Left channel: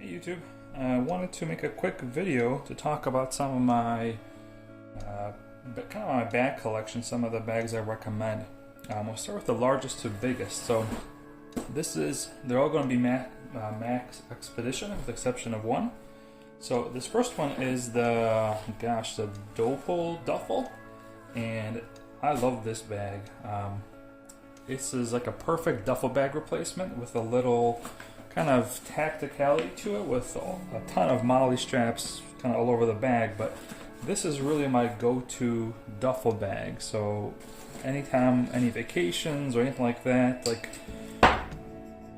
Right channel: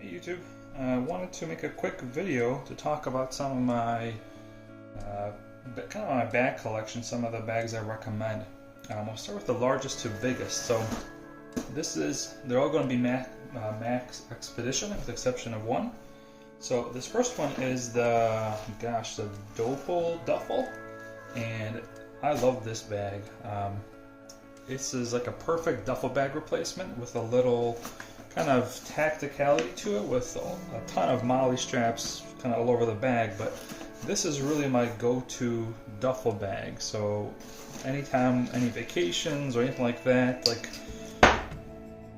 Hey YouTube, I wanted to make a quick video to talk about some of my kind of my bag collection, some of the bags I recommend. We'll start with the largest to biggest. So they're all going to be Maxpedition with the exception of one. So this first one is the Dopal Duffel, and I love this bag. This is like a perfect duffel bag replacement with a little kind of tacticality to it, with a ton of MOLLE straps kind of all over the bag. But this is really my go-to duffel bag. So anytime, any vacations or anything like that, like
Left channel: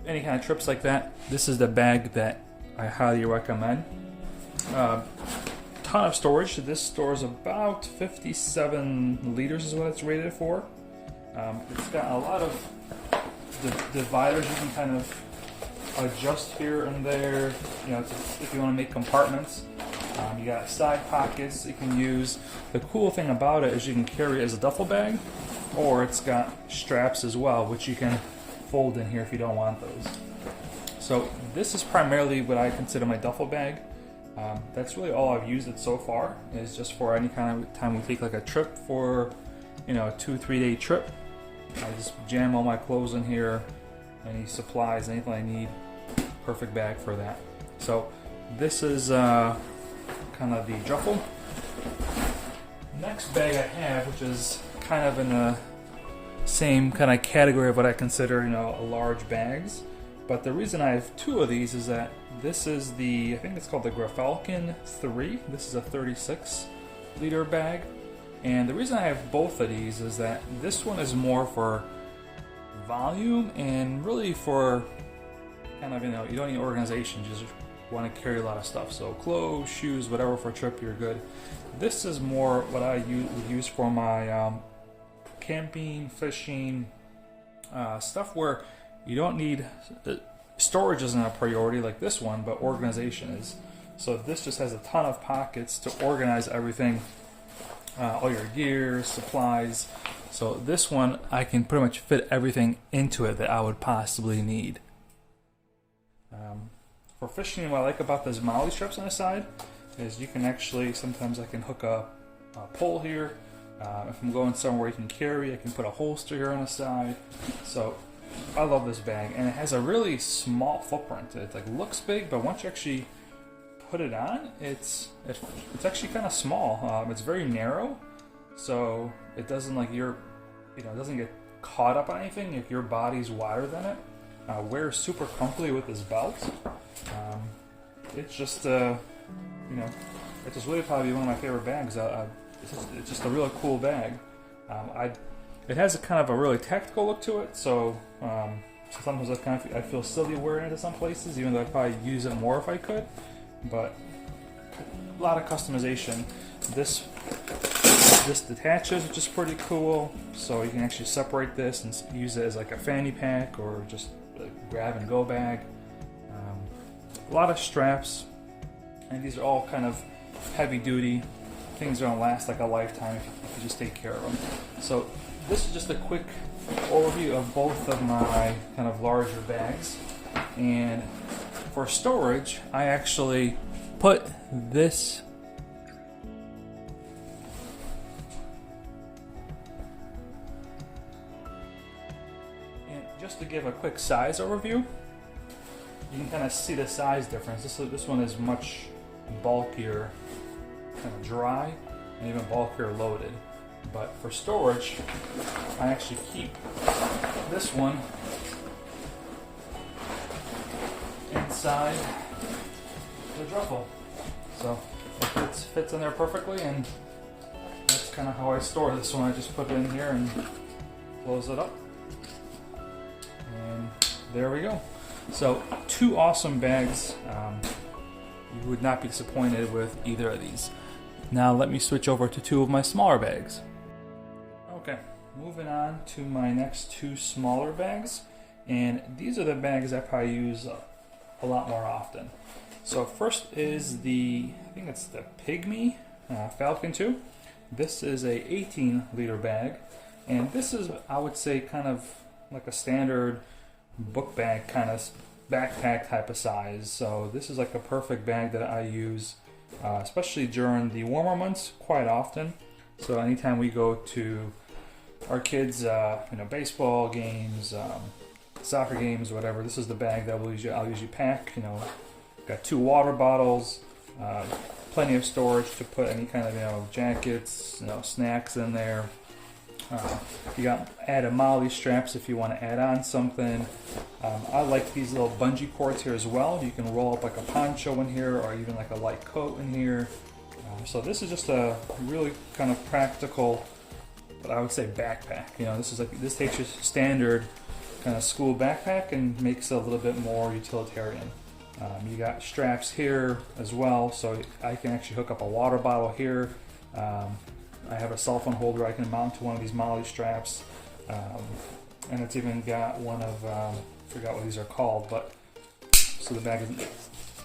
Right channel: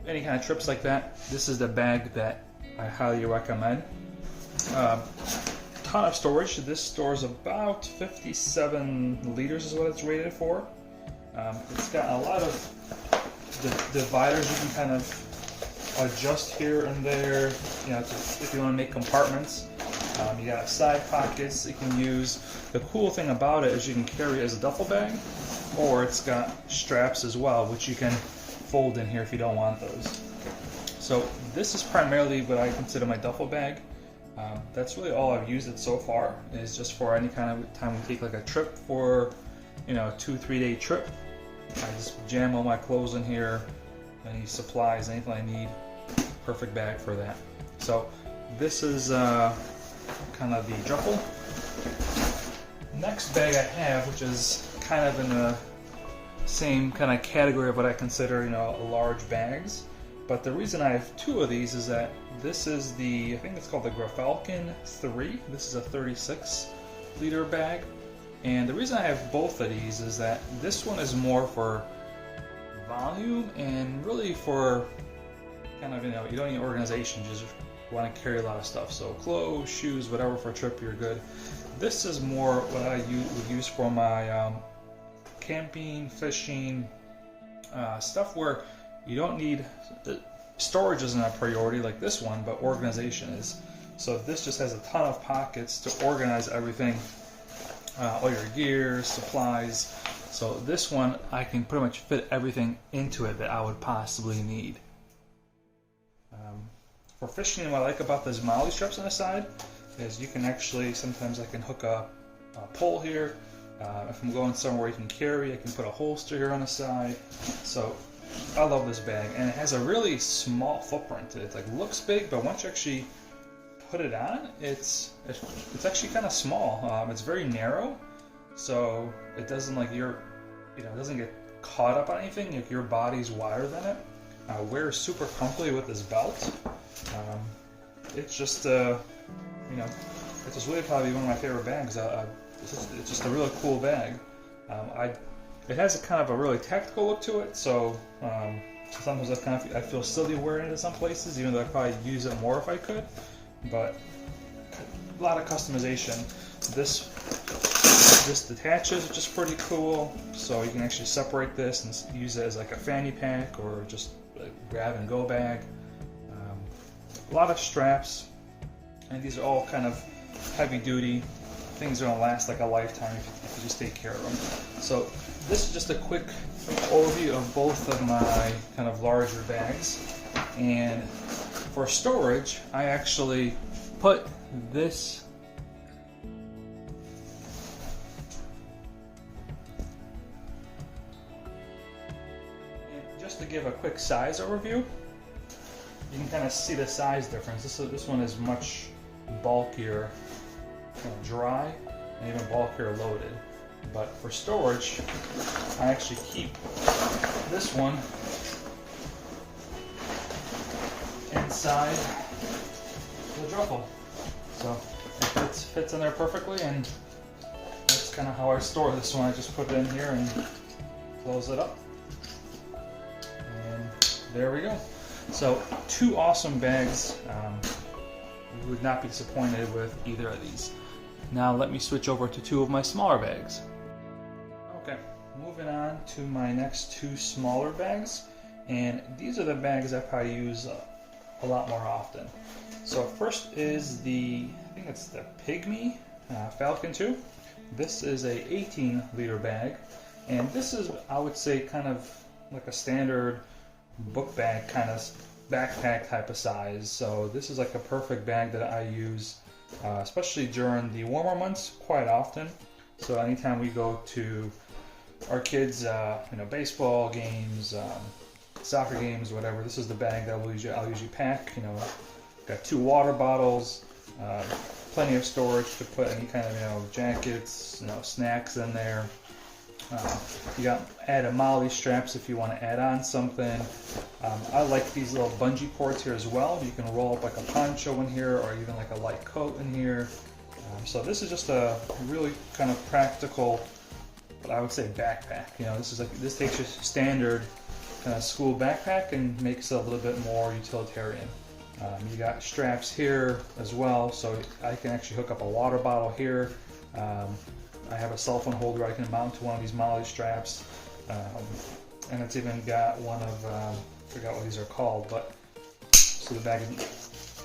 any kind of trips like that, this is the bag that I highly recommend. Ton of storage. This stores about 57 liters is what it's rated for. It's got a lot of dividers you can kind of adjust here and there, if you want to make compartments. You got side pockets you can use. The cool thing about it is you can carry it as a duffel bag, or it's got straps as well, which you can fold in here if you don't want those. So this is primarily what I consider my duffel bag. That's really all I've used it so far, is just for any kind of time we take like a trip for, a 2-3 day trip. I just jam all my clothes in here, any supplies, anything I need. Perfect bag for that. So this is kind of the duffel. Next bag I have, which is kind of in the same kind of category of what I consider, large bags. But the reason I have two of these is that this is I think it's called the Grafalcon 3. This is a 36 liter bag. And the reason I have both of these is that this one is more for volume and really for kind of, you don't need organization, you just want to carry a lot of stuff. So clothes, shoes, whatever for a trip, you're good. This is more what I would use for my camping, fishing, stuff where you don't need, storage isn't a priority like this one, but organization is. So this just has a ton of pockets to organize everything, all your gear, supplies. So this one, I can pretty much fit everything into it that I would possibly need. For fishing, what I like about those MOLLE straps on the side is you can actually, sometimes I can hook a pole here. If I'm going somewhere you can carry, I can put a holster here on the side. So I love this bag, and it has a really small footprint. It looks big, but once you actually put it on, it's actually kind of small. It's very narrow, so it doesn't it doesn't get caught up on anything if your body's wider than it. Wears super comfortably with this belt. It's just it's just really probably one of my favorite bags. It's just a really cool bag. It has a kind of a really tactical look to it, so sometimes I feel silly wearing it in some places, even though I'd probably use it more if I could. But a lot of customization. This detaches, which is pretty cool. So you can actually separate this and use it as like a fanny pack or just like grab and go bag. A lot of straps, and these are all kind of heavy duty. Things are gonna last like a lifetime if you just take care of them. So this is just a quick overview of both of my kind of larger bags. And for storage, I actually put this and just to give a quick size overview, you can kind of see the size difference. This one is much bulkier, kind of dry, and even bulkier loaded. But for storage, I actually keep this one inside the duffel. So it fits in there perfectly, and that's kind of how I store this one. I just put it in here and close it up. And there we go. So two awesome bags. You would not be disappointed with either of these. Now let me switch over to two of my smaller bags. Okay, moving on to my next two smaller bags, and these are the bags I probably use a lot more often. So first is I think it's the Pygmy Falcon 2. This is a 18 liter bag, and this is, I would say, kind of like a standard book bag kind of backpack type of size. So this is like a perfect bag that I use, especially during the warmer months, quite often. So anytime we go to our kids, baseball games, soccer games, whatever, this is the bag that I'll usually pack. Got 2 water bottles, plenty of storage to put any kind of jackets, snacks in there. You got added MOLLE straps if you want to add on something. I like these little bungee cords here as well. You can roll up like a poncho in here, or even like a light coat in here. So this is just a really kind of practical, I would say, backpack. This takes your standard kind of school backpack and makes it a little bit more utilitarian. You got straps here as well, so I can actually hook up a water bottle here. I have a cell phone holder I can mount to one of these MOLLE straps, and it's even got one of I forgot what these are called, but so the bag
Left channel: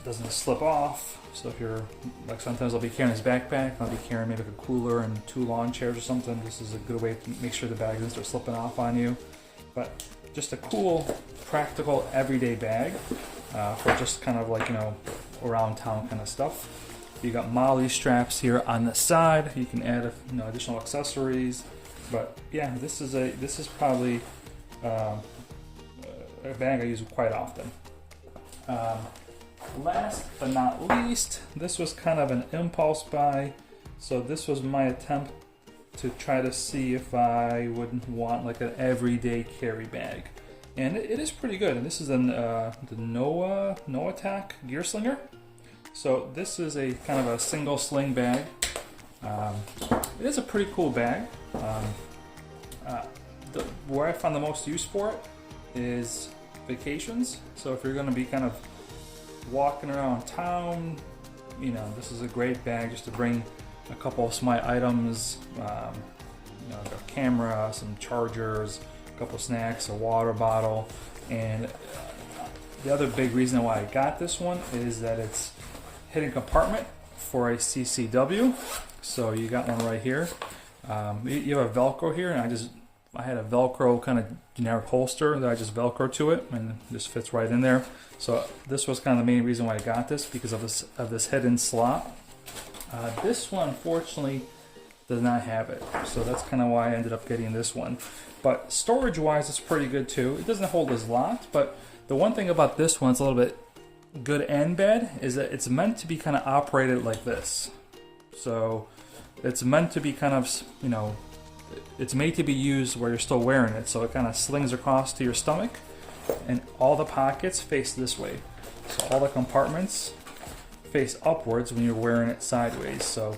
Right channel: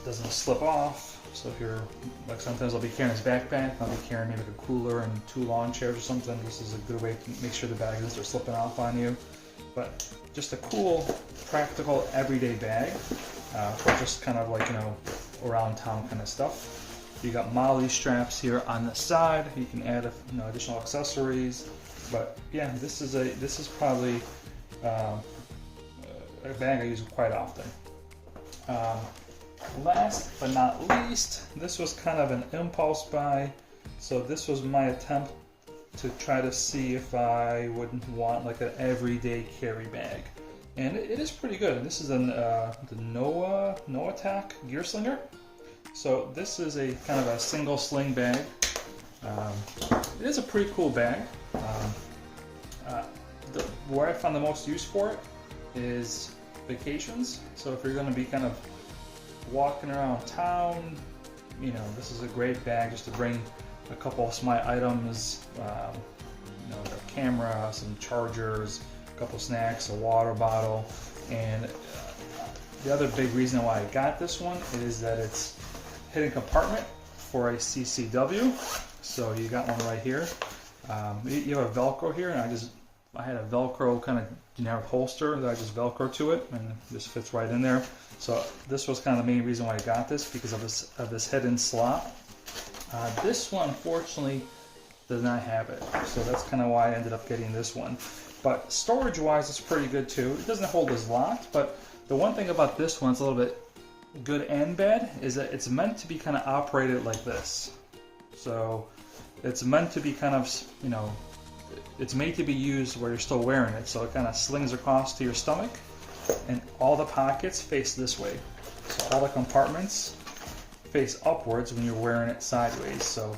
doesn't slip off. So if you're like, sometimes I'll be carrying this backpack, I'll be carrying maybe a cooler and 2 lawn chairs or something. This is a good way to make sure the bag doesn't start slipping off on you. But just a cool, practical, everyday bag for just kind of like around town kind of stuff. You got MOLLE straps here on the side. You can add additional accessories. But yeah, this is probably a bag I use quite often. Last but not least, this was kind of an impulse buy. So this was my attempt to try to see if I would want like an everyday carry bag. And it is pretty good. This is the Noatak Gear Slinger. So this is a kind of a single sling bag. It is a pretty cool bag. Where I found the most use for it is vacations. So if you're going to be kind of walking around town, this is a great bag just to bring a couple of small items, a camera, some chargers, a couple snacks, a water bottle. And the other big reason why I got this one is that it's hidden compartment for a CCW. So you got one right here. You have a Velcro here, and I had a Velcro kind of generic holster that I just Velcro to it, and this fits right in there. So this was kind of the main reason why I got this, because of this hidden slot. This one, unfortunately, does not have it. So that's kind of why I ended up getting this one. But storage-wise, it's pretty good too. It doesn't hold as lot, but the one thing about this one, it's a little bit good and bad, is that it's meant to be kind of operated like this. So it's meant to be kind of, it's made to be used where you're still wearing it. So it kind of slings across to your stomach, and all the pockets face this way. So all the compartments face upwards when you're wearing it sideways. So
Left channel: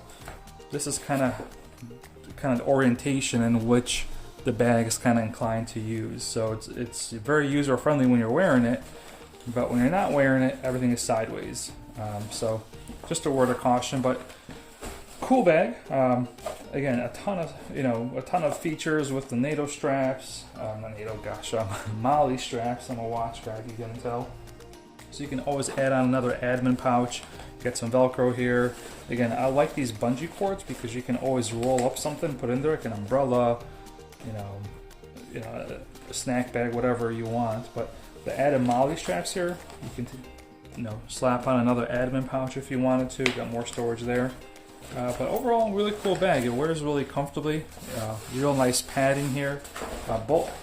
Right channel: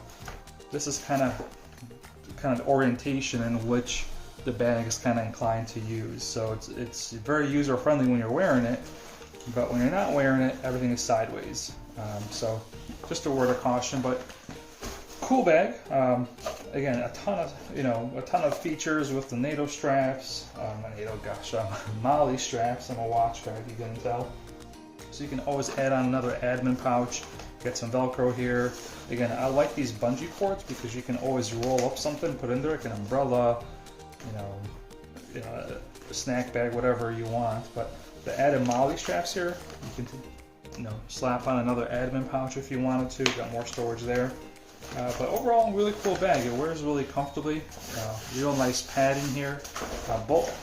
this is kind of orientation in which the bag is kind of inclined to use. So it's very user friendly when you're wearing it, but when you're not wearing it, everything is sideways. So just a word of caution, but cool bag. Again, a ton of features with the NATO straps. MOLLE straps. I'm a watch guy, if you couldn't tell. So you can always add on another admin pouch. Get some Velcro here. Again, I like these bungee cords because you can always roll up something, put in there, like an umbrella, a snack bag, whatever you want. But the added MOLLE straps here, you can slap on another admin pouch if you wanted to. Got more storage there. But overall, really cool bag. It wears really comfortably. Real nice padding here.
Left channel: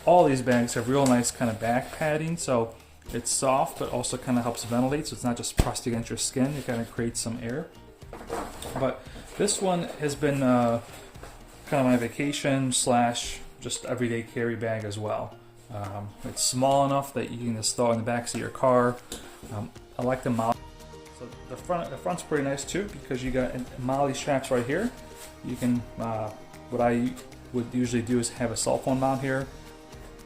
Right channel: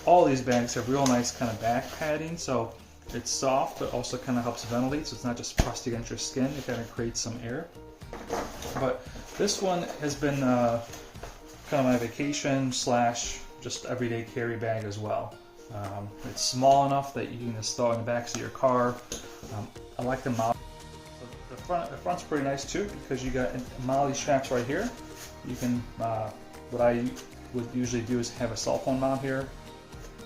All these bags have real nice kind of back padding, so it's soft, but also kind of helps ventilate. So it's not just pressed against your skin. It kind of creates some air. But this one has been kind of my vacation / just everyday carry bag as well. It's small enough that you can install in the back of your car. I like the MOLLE. So the front's pretty nice too, because you got MOLLE straps right here. You can, what I would usually do is have a cell phone mount here.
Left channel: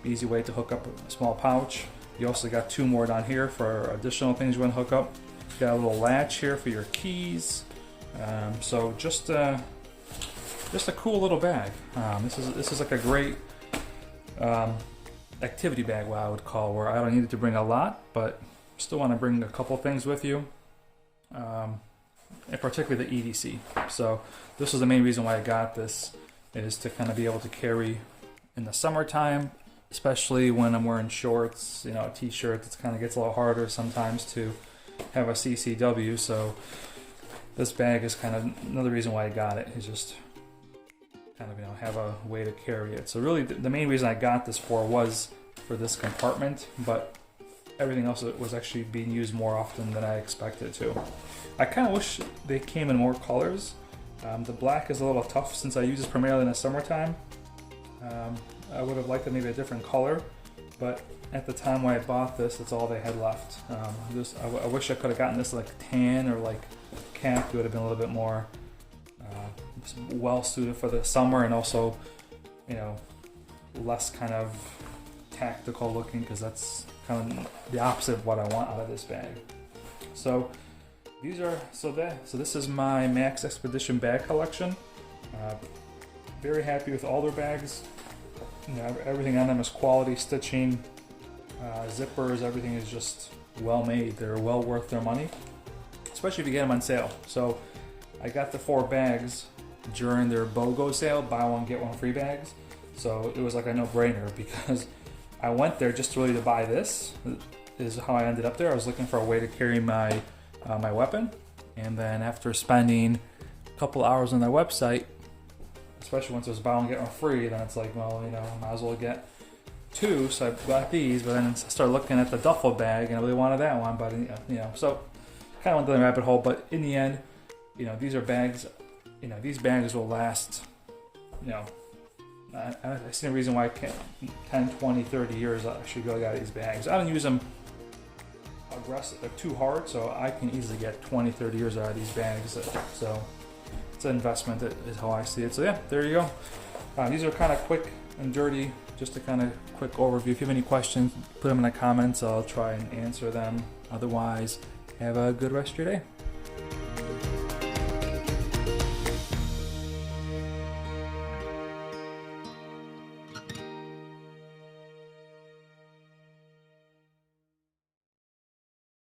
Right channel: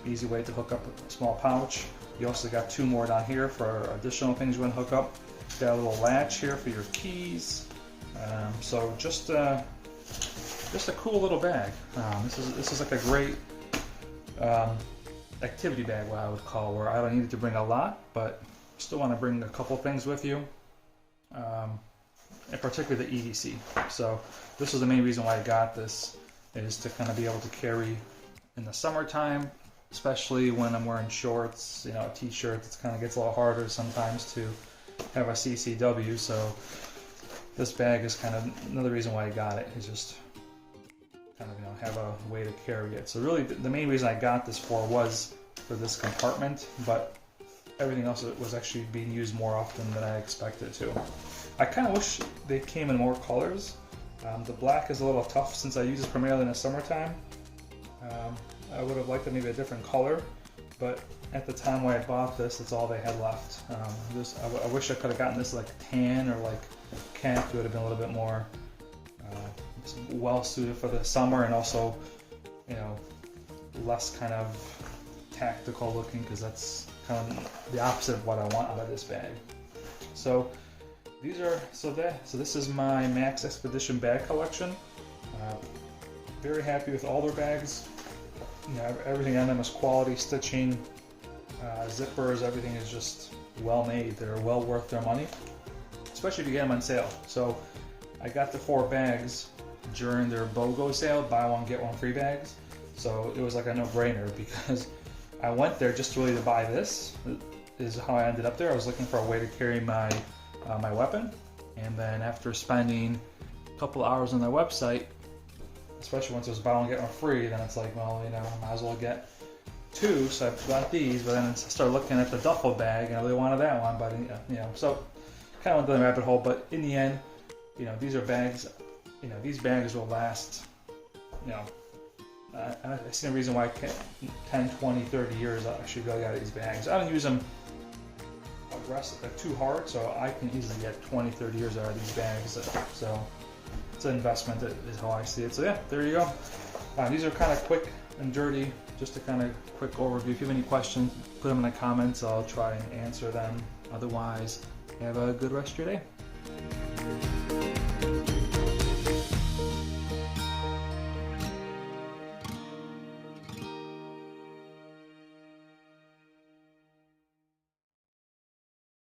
Easy way to hook up a small pouch. You also got 2 more down here for additional things you want to hook up. Got a little latch here for your keys. So just a cool little bag. This is like a great activity bag, what I would call, where I don't need to bring a lot, but still want to bring a couple things with you. And particularly the EDC. So this is the main reason why I got this, is to kind of be able to carry in the summertime especially when I'm wearing shorts, t-shirts. It kind of gets a little harder sometimes to have a CCW. So this bag is kind of another reason why I got it. Is just kind of have a way to carry it. So really, the main reason I got this was for this compartment, but everything else was actually being used more often than I expected to. I kind of wish they came in more colors. The black is a little tough since I use this primarily in the summertime. I would have liked maybe a different color, but at the time when I bought this, that's all they had left. I wish I could have gotten this like tan or like khaki. It would have been a little bit more well suited for the summer, and also less kind of tactical looking, because that's kind of the opposite of what I want out of this bag. So this is my Maxpedition bag collection. Very happy with all their bags. Everything on them is quality stitching, zippers. Everything is just well made. They're well worth their money, especially if you get them on sale. So I got the 4 bags during their BOGO sale, buy one get one free bags. So it was like a no-brainer, because I went there just really to buy this. Is how I ended up there. I was looking for a way to carry my my weapon, and then after spending a couple hours on their website, especially once there's buy one get one free, then it's like, well, might as well get 2. So I got these, but then I started looking at the duffel bag, and I really wanted that one, but so kind of went down the rabbit hole. But in the end, these are bags. These bags will last. I see no reason why 10, 20, 30 years I should go out of these bags. I don't use them aggressive, they're too hard, so I can easily get 20, 30 years out of these bags. So it's an investment, is how I see it. So yeah, there you go. These are kind of quick and dirty, just a kind of quick overview. If you have any questions, put them in the comments. I'll try and answer them. Otherwise, have a good rest of your day.